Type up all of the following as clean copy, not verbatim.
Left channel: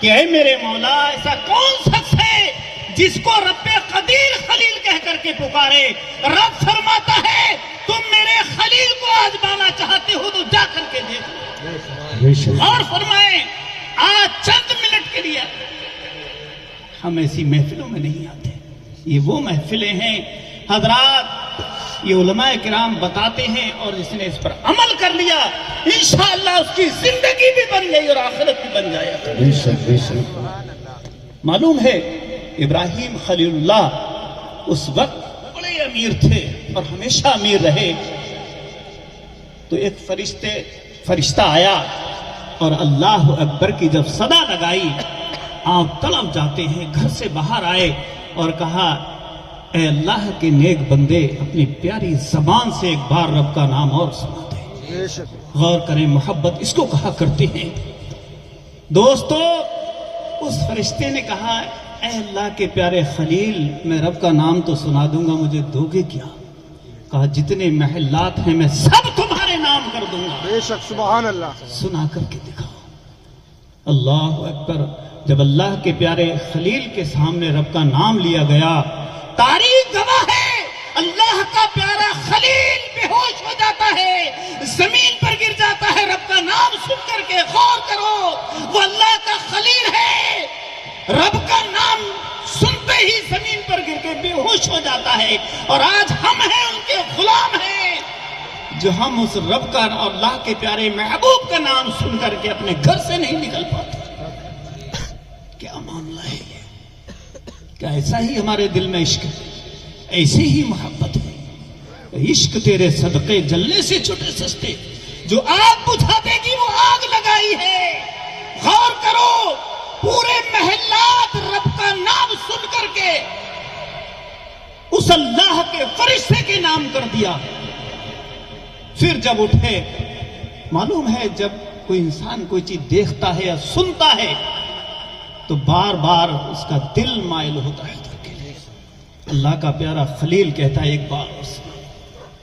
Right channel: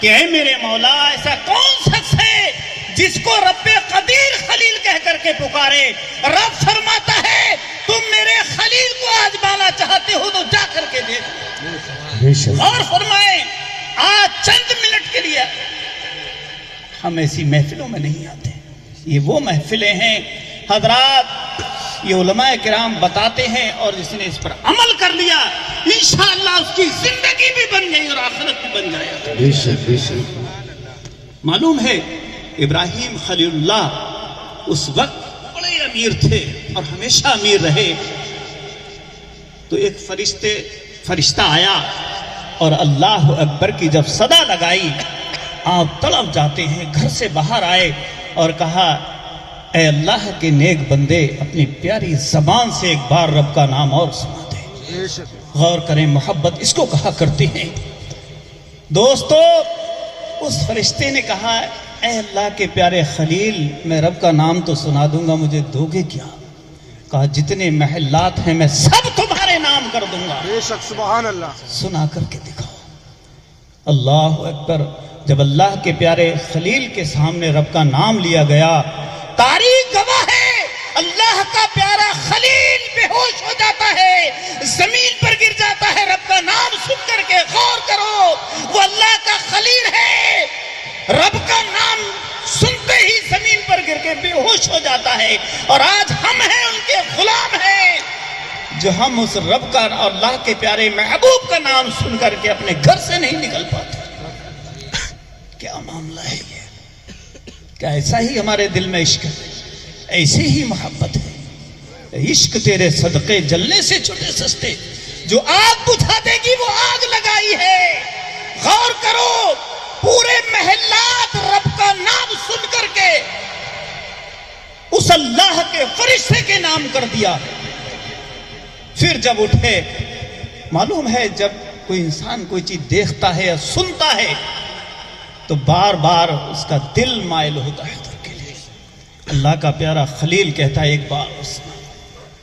کہ اے میرے مولا ایسا کون شخص ہے جس کو رب قدیر خلیل کہہ کر کے پکارے؟ رب فرماتا ہے تم میرے خلیل کو آزمانا چاہتے ہو تو جا کر کے دیکھو۔ اور فرمائیں آج چند منٹ کے لیے ہم ایسی محفلوں میں نہیں آتے، یہ وہ محفلیں ہیں حضرات، یہ علماء کرام بتاتے ہیں، اور جس نے اس پر عمل کر لیا انشاءاللہ اس کی زندگی بھی بن گئی اور آخرت بھی بن جائے گا۔ معلوم ہے ابراہیم خلیل اللہ اس وقت بڑے امیر تھے اور ہمیشہ امیر رہے۔ تو ایک فرشتہ آیا اور اللہ اکبر کی جب صدا لگائی آپ تڑپ جاتے ہیں، گھر سے باہر آئے اور کہا اے اللہ کے نیک بندے اپنی پیاری زبان سے ایک بار رب کا نام اور سنا دے۔ غور کریں محبت اس کو کہا کرتے ہیں۔ دوستو اس فرشتے نے کہا اے اللہ کے پیارے خلیل میں رب کا نام تو سنا دوں گا، مجھے دو گے کیا؟ کہا جتنے محلات ہیں میں سب تمہارے نام کر دوں گا۔ بے شک سبحان اللہ۔ سنا کر کے دکھاؤ۔ اللہ اکبر۔ جب اللہ کے پیارے خلیل کے سامنے رب کا نام لیا گیا، تاریخ گواہ ہے اللہ کا پیارا خلیل بے ہوش ہو جاتا ہے، زمین پر گر جاتا ہے رب کا نام سن کر کے۔ غور کرو وہ اللہ کا خلیل ہے، رب کا نام سنتے ہی زمین پر گر کے بے ہوش ہو جاتا ہے، اور آج ہم ہیں ان کے غلام ہیں جو ہم اس رب کا اور اللہ کے پیارے محبوب کا نام سن کر کے اپنے گھر سے نہیں نکل پاتے۔ کیا معاملہ ہے یہ؟ کیا ایسا ہی ہمارے دل میں عشق ہے؟ ایسی ہی محبت ہے؟ عشق تیرے صدقے جلنے سے چھوٹے سستے، جو آگ بجھا دے گی وہ آگ لگائی ہے۔ غور کرو پورے محلات رب کا نام سن کر کے اس اللہ کے فرشتے کے نام کر دیا۔ پھر جب اٹھے، معلوم ہے جب کوئی انسان کوئی چیز دیکھتا ہے یا سنتا ہے تو بار بار اس کا دل مائل ہوتا ہے ادھر کے لیے۔ اللہ کا پیارا خلیل کہتا ہے ایک بار اس نے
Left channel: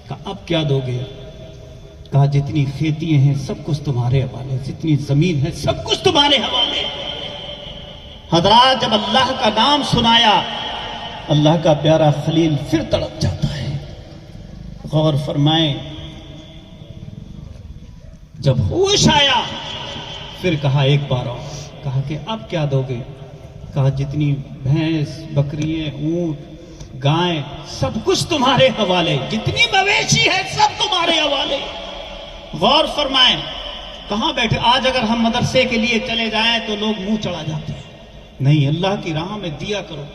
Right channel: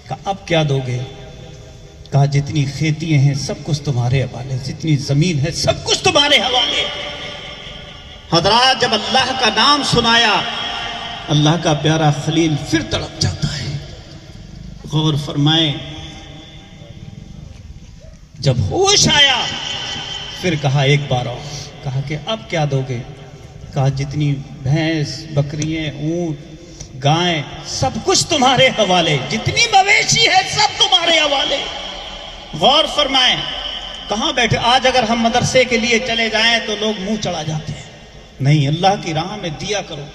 کہا اب کیا دو گے؟ کہا جتنی کھیتیاں ہیں سب کچھ تمہارے حوالے، جتنی زمین ہے سب کچھ تمہارے حوالے۔ حضرات جب اللہ کا نام سنایا اللہ کا پیارا خلیل پھر تڑپ جاتا ہے۔ غور فرمائیں جب ہوش آیا پھر کہا ایک بار اور، کہا کہ اب کیا دو گے؟ کہا جتنی بھینس بکریاں اونٹ گائیں سب کچھ تمہارے حوالے، جتنی مویشی ہے سب تمہارے حوالے۔ غور فرمائیں کہاں بیٹھے؟ آج اگر ہم مدرسے کے لیے چلے جائیں تو لوگ منہ چڑھا جاتے ہیں، نہیں اللہ کی راہ میں دیا کرو۔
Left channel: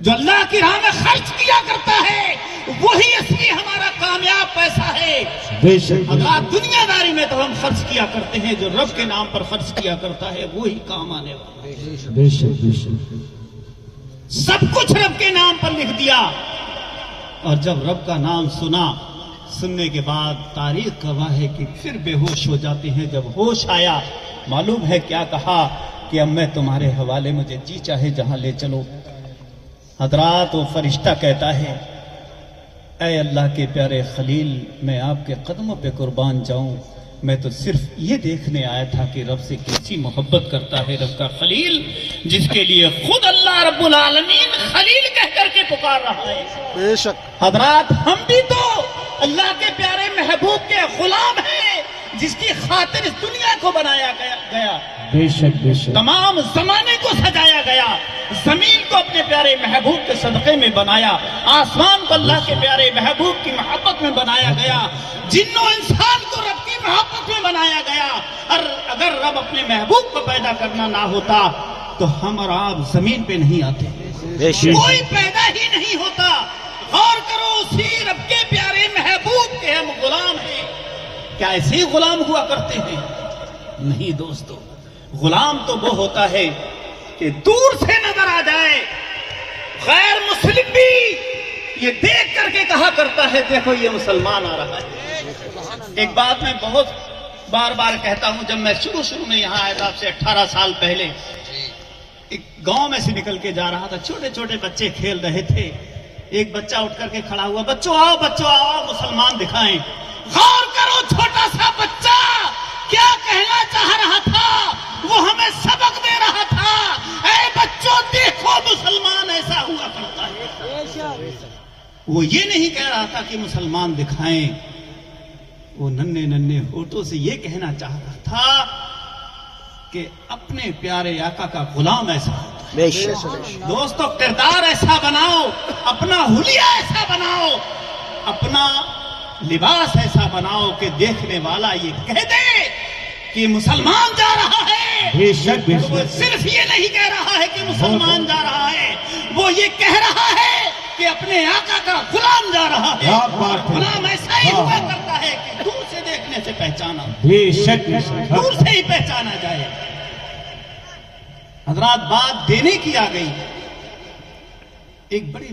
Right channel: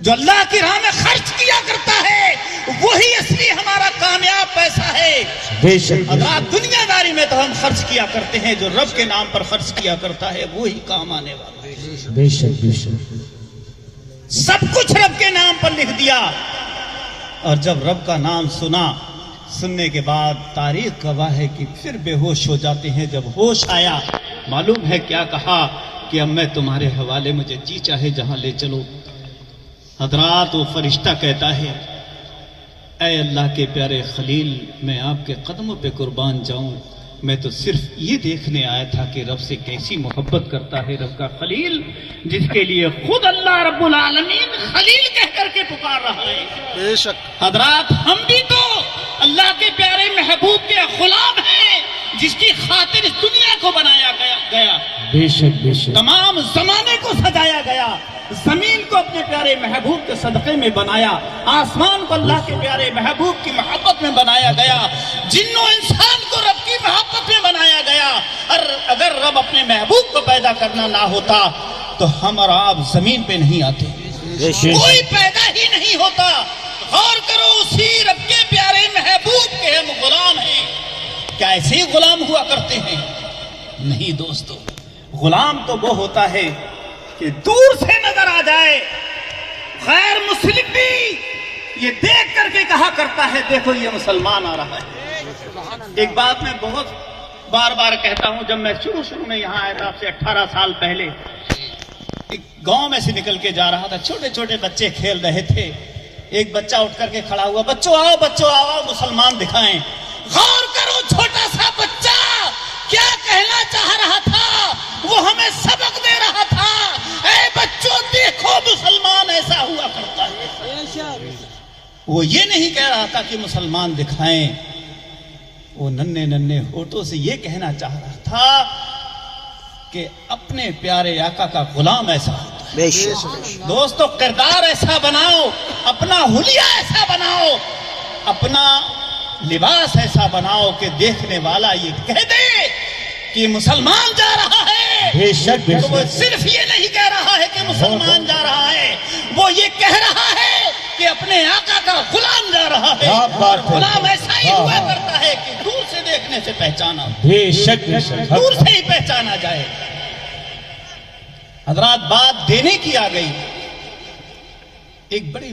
جو اللہ کی راہ میں خرچ کیا کرتا ہے وہی اصلی ہمارا کامیاب پیسہ ہے۔ بے شک حضرات دنیا داری میں تو ہم خرچ کیا کرتے ہیں، جو رب کے نام پر خرچ کیا کرتا ہے وہی کام آنے والا ہے۔ بے شک بے شک۔ سب کچھ رب کے نام پر لکھ دیا، اور جب رب کا نام سننے کے بعد تاریخ گواہ ہے کہ پھر بے ہوش ہو جاتے ہیں۔ جب ہوش آیا معلوم ہے کیا کہا کہ اب میں تمہارے حوالے، مجھے جی چاہے جہاں لے چلو۔ حضرات وہ فرشتہ کہتا ہے اے اللہ کے پیارے خلیل میں آپ کے قدموں پہ قربان جاؤں، میں تو صرف یہ دیکھنے آیا تھا کہ رب سے کیسی محبت کرتا ہے رب کا خلیل، جس کے لیے خود اللہ رب العالمین خلیل کہہ کر کے پکار رہا ہے۔ بے شک۔ حضرات ہم بھی تو اللہ کے پیارے محبوب کے غلام ہیں جس کی خاطر اس دنیا کو بنایا گیا، بے شک بے شک۔ تمام زمانے کو سجایا گیا، زمین کو اپنے پیارے محبوب کے صدقے میں بنایا، آسمان کو اللہ کے پیارے محبوب کی محبت میں بنایا گیا، جن و انسان کو رب کی محبت میں بنایا گیا۔ اور اگر رب اپنے محبوب کو پیدا کرنا نہ ہوتا تو ہم اور آپ زمین پہ نہیں آتے، کوئی پیدا ہی نہیں ہوتا۔ غور کرو اسی رب کے پیارے محبوب کے ہم غلام ہیں۔ کیا ایسے ہی غلام ہوا کرتے ہیں؟ نہیں دوستو، غلام تو وہ ہوتا ہے کہ دور سے نظر آ جائے، غیر مسلم بھی یہ دیکھ کر کے کہا کرتا ہے دیکھو یہ مسلمان آ رہا ہے۔ ایک بات میں بہت بار بار کہتا ہوں، جب میں شروع میں یہاں آیا تھا آپ سے 18 سال پہلے، ایک گاؤں میں سے نکل کے جا رہا تھا، چھوٹے چھوٹے بچے کھیل رہے تھے، ایک بچہ اٹھ کر کے کھڑا ہوا، بچوں آؤ مسلمان دکھائیں۔ غور کرو چھوٹا سا بچہ کیا کہنا چاہ رہا تھا، وہ ہمیں سبق دے وہ یہ نہیں کہہ رہا تھا کہ مسلمان دکھائیں، وہ ننھے ننھے ہونٹوں سے یہ کہنا چاہ رہا تھا کہ اپنے پیارے آقا کا غلام ایسا ہوتا ہے۔ بے شک دوستو کردار ایسا بناؤ، اپنا حلیہ ایسا بناؤ، اپنا لباس ایسا بناؤ کہ دیکھنے والا یہ کہہ دے کہ مسلمان جا رہا ہے۔ بے شک بے وہ شک صرف یہ نہیں کہہ رہا ہے کہ مسلمان جا رہا ہے، وہ یہ کہہ رہا ہے کہ اپنے آقا کا غلام جا رہا ہے۔ کیا بات ہے۔ غلام ایسا ہی ہوا کرتا ہے کہ دور سے دیکھنے سے پہچانا، بے شک بے شک دور سے ہی پہچانا جائے۔ حضرات بات دینے کی آ گئی۔ ایک بڑی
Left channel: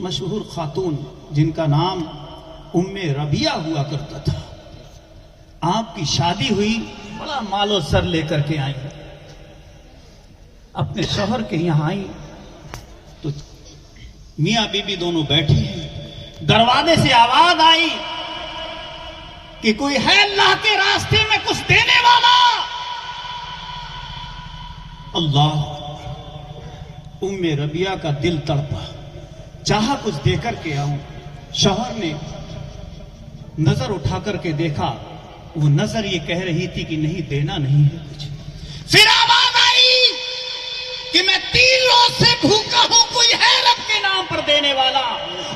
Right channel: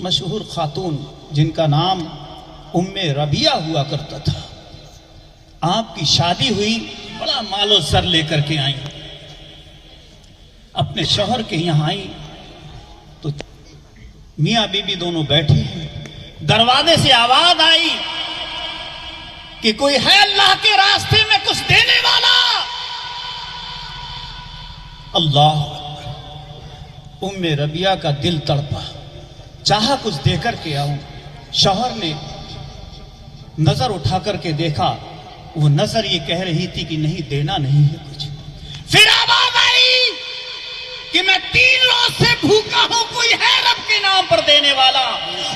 مشہور خاتون جن کا نام ام ربیہ ہوا کرتا تھا، آپ کی شادی ہوئی، بڑا مال و زر لے کر کے آئی، اپنے شوہر کے یہاں آئی تو میاں بیوی دونوں بیٹھی ہیں، دروازے سے آواز آئی کہ کوئی ہے اللہ کے راستے میں کچھ دینے والا؟ اللہ اکبر۔ ام ربیہ کا دل تڑپا، چاہا کچھ دے کر کے آؤں۔ شوہر نے نظر اٹھا کر کے دیکھا، وہ نظر یہ کہہ رہی تھی کہ نہیں دینا نہیں ہے کچھ۔ پھر آواز آئی کہ میں 3 روز سے بھوکا ہوں، کوئی ہے رب کے نام پر دینے والا؟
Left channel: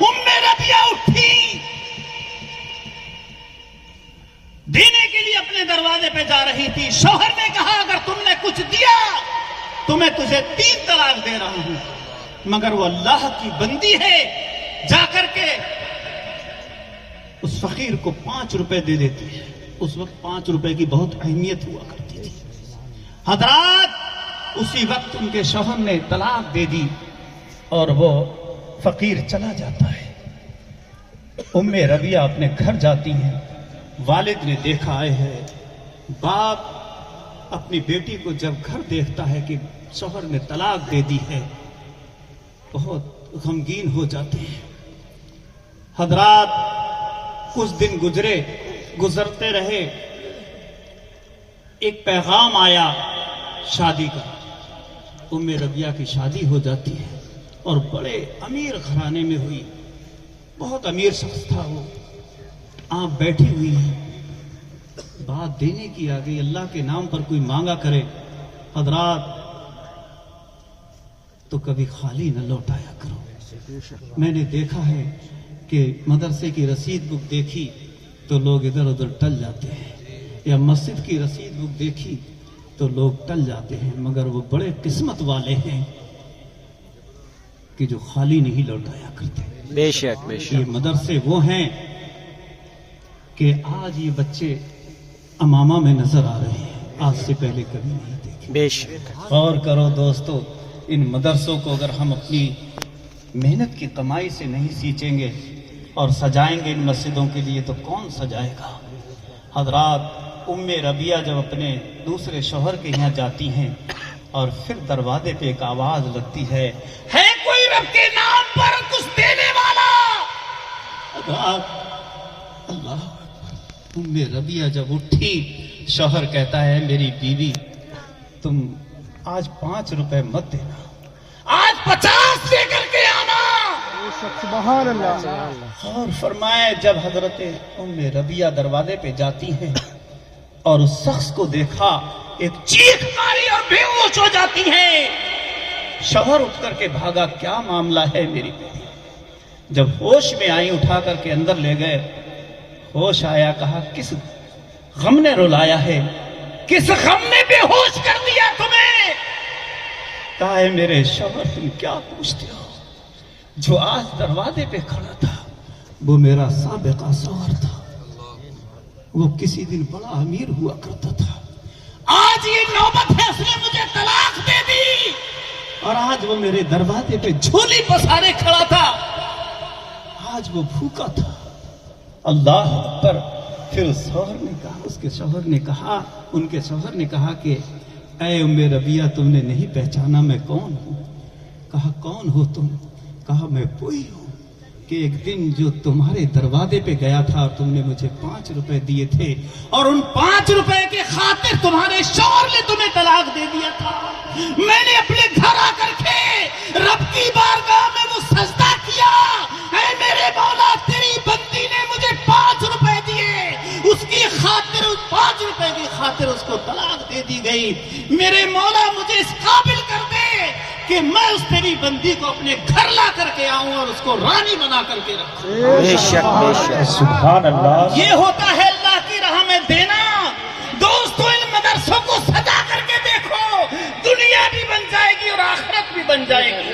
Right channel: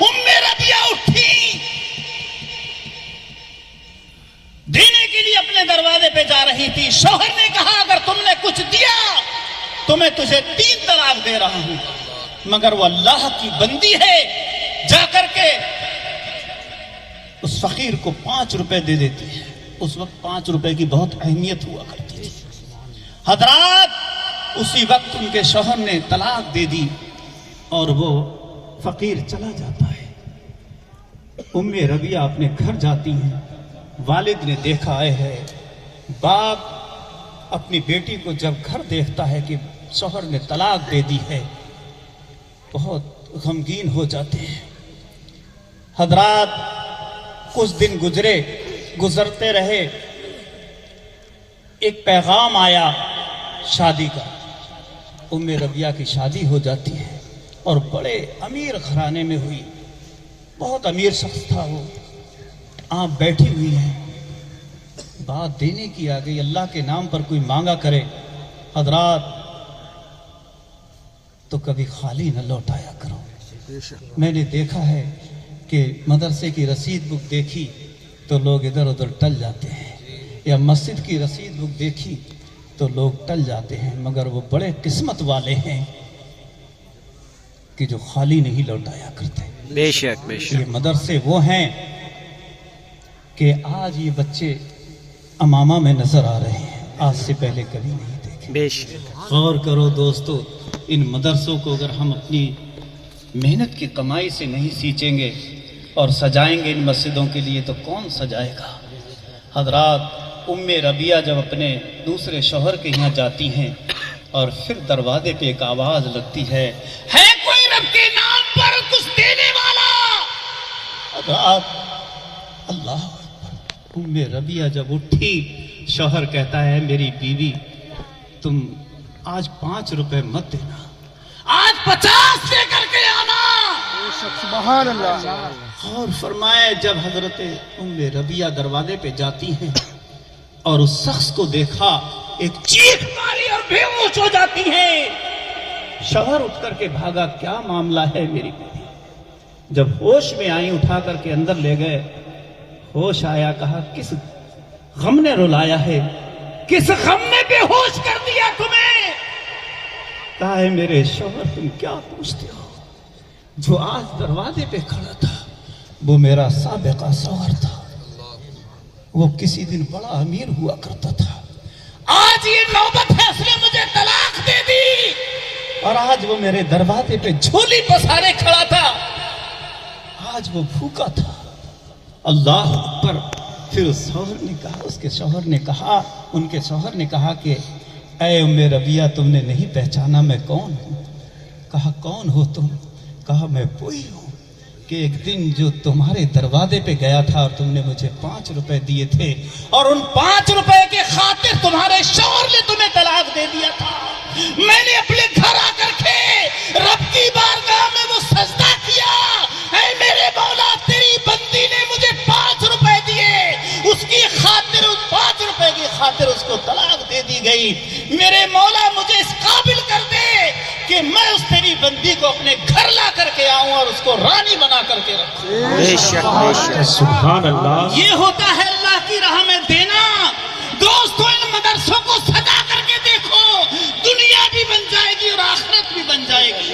ام ربیہ اٹھی، دینے کے لیے اپنے دروازے پہ جا رہی تھی۔ شوہر نے کہا اگر تم نے کچھ دیا تو میں تجھے 3 طلاق دے رہا ہوں، مگر وہ اللہ کی بندی ہے، جا کر کے اس فقیر کو 5 روپے دے دیتی ہے۔ اس وقت 5 روپے کی بہت اہمیت ہوا کرتی ہے۔ حضرات اسی وقت ان کے شوہر نے طلاق دے دی اور وہ فقیر چلا جاتا ہے۔ ام ربیہ اپنے گھر جاتی ہیں، والد نے دیکھا ہے، باپ اپنی بیٹی کو جب گھر دیکھتا ہے کہ شوہر نے طلاق دے دی ہے، بہت غمگین ہو جاتے ہیں۔ حضرات کچھ دن گزرتے رہے، ایک پیغام آیا شادی کا۔ ام ربیہ کی شادی ہو جاتی ہے اور بڑے امیر گھرانے میں ہوئی، بہت امیر شخص تھا وہ۔ آپ بیٹھی ہوئی ہیں، بات دینے کی آ گئی، اللہ کے نام پر کوئی مانگا کرے حضرات تو کبھی خالی نہ لوٹایا کرو۔ میں نے دیکھا ہے کہ مدرسے کی رسید بک دیکھی تو لوگ ادھر ادھر ٹل جاتے ہیں، یا مسجد کی رسید بک دیکھی تو لوگ ٹل جاتے ہیں، مگر وہ بڑے قسمت والے ہیں کہ جو خالی نہیں لوٹایا کرتے۔ بے شک بے یہ شک مدرسے وہ ہیں کہ آج یہ بچے امامہ میں نظر آ رہے ہیں، آج سے پہلے کبھی نہیں دیکھے۔ بے شک غور کرو دوستو، ان مدرسوں کو اگر ہم اپنی محنت کی کمائی سے نہیں سینچیں گے اور سجائیں گے ان مسجدوں کے لیے تو کون سجائے گا؟ حضرات ام ربیہ جب اپنے دوسرے شوہر کے یہاں جاتی ہیں اور پھر دروازے پہ ایک آواز لگتی ہے کوئی رب کے نام پر کچھ دینے والا؟ حضرات اللہ اکبر، ام ربیہ جب اٹھی، شوہر کہتا ہے میری بیوی تم آج 5 روپے مت دینا، آج 50 لے کر کے آنا۔ سبحان اللہ۔ اور فرمائے جب حضرت ام ربیہ دروازے پہ جاتی ہیں اور اس شخص کو دیکھا، ایک چیخ ماری اور بے ہوش ہو جاتی ہیں۔ شوہر اٹھ کر کے بھاگا، کیا معاملہ ہے میری بیوی؟ جب ہوش میں آئی اٹھا کر کے اندر لے گئے، ہوش آیا، کہا کس غم نے رلایا ہے، کس غم نے بے ہوش کر دیا تمہیں؟ کہا ہے میرے شوہر تم کیا پوچھتے ہو، جو آج دروازے پہ کھڑا تھا وہ میرا سابقہ شوہر تھا، وہ کسی دن بڑا امیر ہوا کرتا تھا، آج یہ نوبت ہے اس نے مجھے طلاق دے دی، اور آج وہ میرے دروازے پہ جھولی پسارے کھڑا تھا، آج وہ بھوکا تھا۔ اللہ اکبر۔ پھر اس کے شوہر نے کہا ان کے شوہر نے کہا کہ اے ام ربیہ تم نے نہیں پہچانا میں کون ہوں؟ کہا کون ہو تم؟ کہا میں وہی ہوں کہ ایک دن جو تمہارے دروازے پہ گیا تھا اور تم نے مجھے 5 روپے دیے تھے، اور ان 5 روپے کے خاطر تمہارے شوہر نے تمہیں طلاق دے دیا تھا۔ میں نے اپنے گھر آ کر کے رب کی بارگاہ میں وہ سجدہ کیا، اے میرے کی گئی. میرے مولا مجھے اس قابل کر دے کہ میں اس تیری بندی کو اپنے گھر لا کر کے آؤں اور اس کو رانی بنا کر کے رکھوں. بے شک بے شک. سبحان اللہ. یہ ہوتا ہے اللہ کی راہ میں دینا. دوستو ان مدرسوں کو سجا کر کے دیکھو, دنیا بھی بن جائے گی اور آخرت بھی بن جائے گی.